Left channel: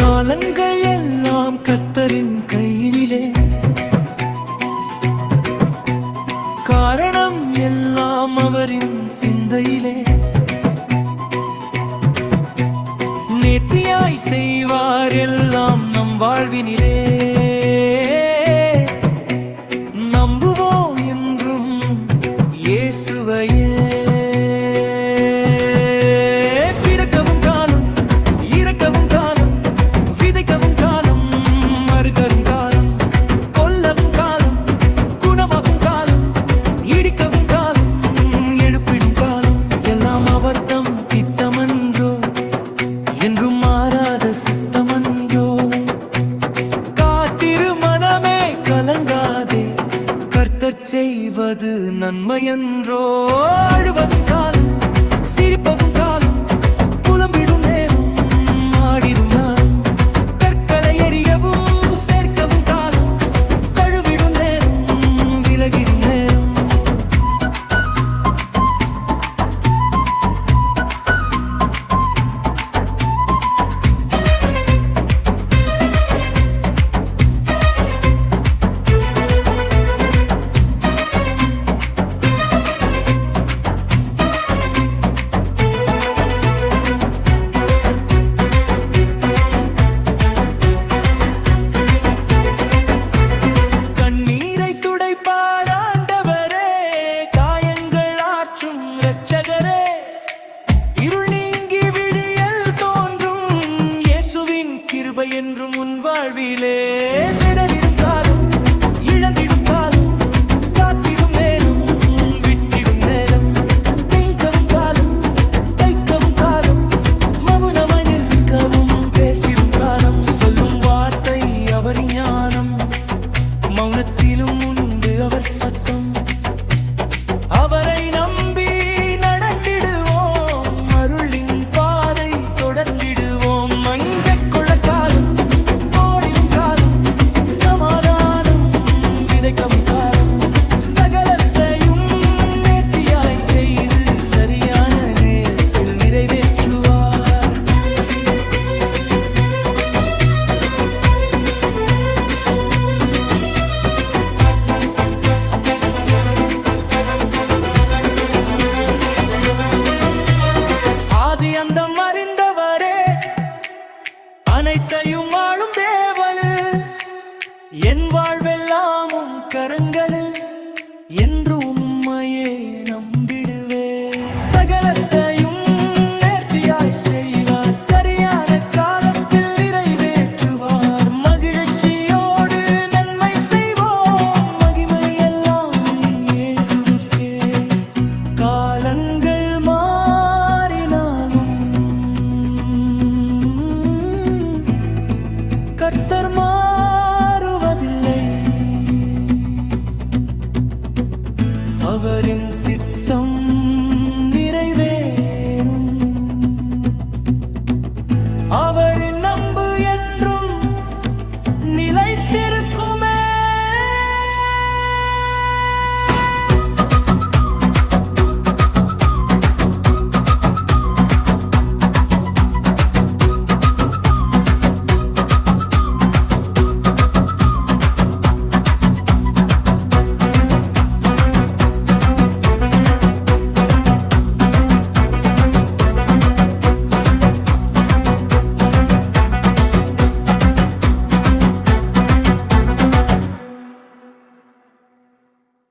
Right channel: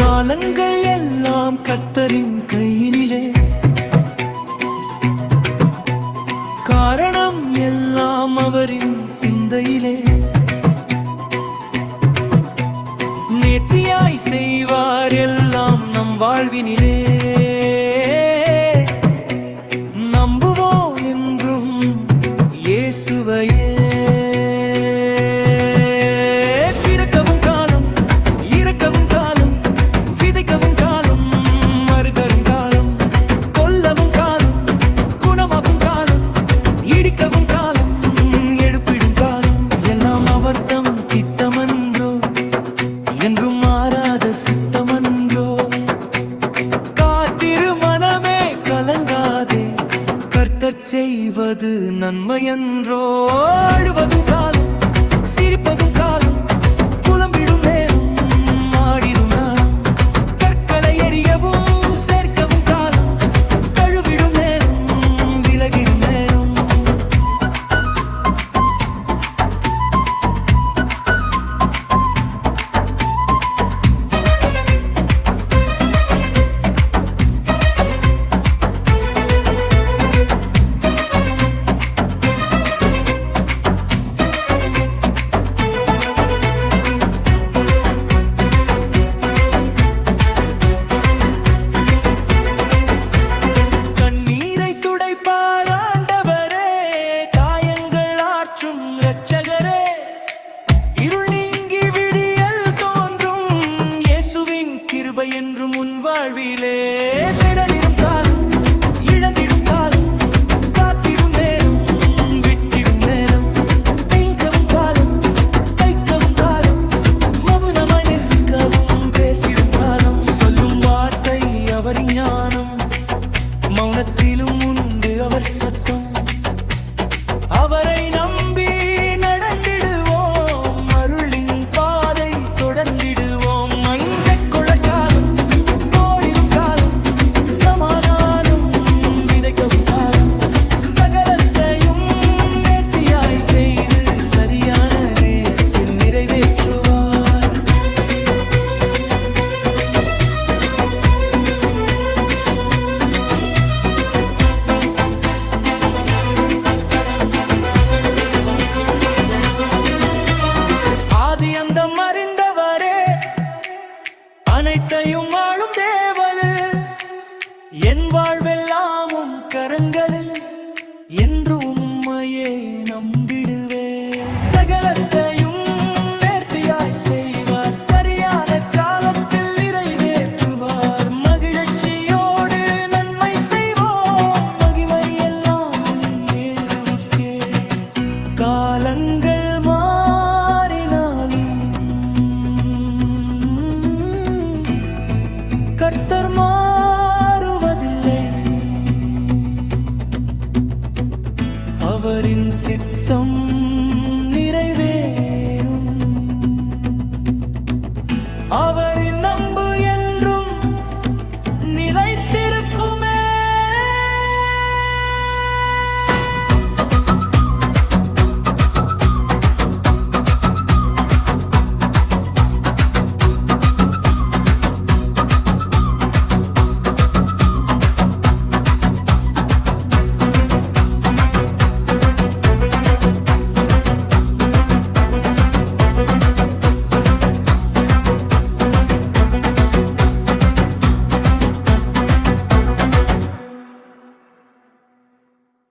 காலங்கள் எல்லாம் கர்த்தரின் கையினிலே, காரணம் எல்லாம் அவரின் சிந்தையிலே. நேர்த்தியாய் செய்வார் எல்லாம் நம் வாழ்வினிலே. நம்புவோம் என்றும் இயேசுவையே. பிறக்கவும் காலம், இறக்கவும் காலம், விதைக்கவும் காலம், மறுகரும் காலம், கொல்லவும் காலம், குணமாக்கும் காலம், இடிக்கவும் காலம், எடுப்பிடும் காலம். எல்லாம் அவர்தம் திட்டமன்றோ, என்றும் மாறாத சித்தமன்றோ. காத்திரு மனமே கலங்காதே, கர்த்தர் செய்வது நன்மையன்றோ. அழுவதும் காலம், சிரிப்பதும் காலம், புலம்பிடும் நேரம், ஆடிடும் நாளும், கற்களை எறியவும் சேர்க்கவும் காலம், தழுவிடும் நேரம், விலகிடும் நேரம். கண்ணீரை துடைப்பார் ஆண்டவரே, காயங்கள் ஆற்றும் இரட்சகரே. இருள் நீங்கி விடியல் தோன்றும், இயேசுவின் கிருபை என்றும் உன் வாழ்விலே. பிறரிடும் காலம், இழந்திடும் காலம், காத்திடும் நேரம், விட்டிடும் நேரம், தேய்க்கவும் காலம், தைக்கவும் காலம், மௌனமாய் நிற்கவும் பேசிடும் காலம். சொல்லும் வார்த்தை அவர் ஞானம், மௌனத்திலும் உண்டு அவர் சத்தம். அவரை நம்பி நடந்திடுவோம், அருளின் பாதை தொடர்ந்திடுவோம். மஞ்சள் கொள்ள காலம், ஓடிடும் காலம், சமாதானம் விதைக்கவும் காலம். சகலத்தையும் நேர்த்தியாய் செய்து சரியான நேரத்தில் நிறைவேற்றுவார். ஆதி அந்தம் அறிந்தவரே, அனைத்தையும் ஆளும் தேவனே. என் வாழ்வெல்லாமும் கரங்களில், என்றும் உம்மையே நம்பிடுவே. சகலத்தையும் நேர்த்தியாய் செய்வார், சரியான காலத்தில் நிறைவேற்றுவார். மகிழ்ச்சியோடு நன்மை செய்வோம், மகிமை எல்லாம் இயேசுவுக்கே. காலங்கள் மாறினாலும் கர்த்தர் மாறுவதில்லை. அவரின் சித்த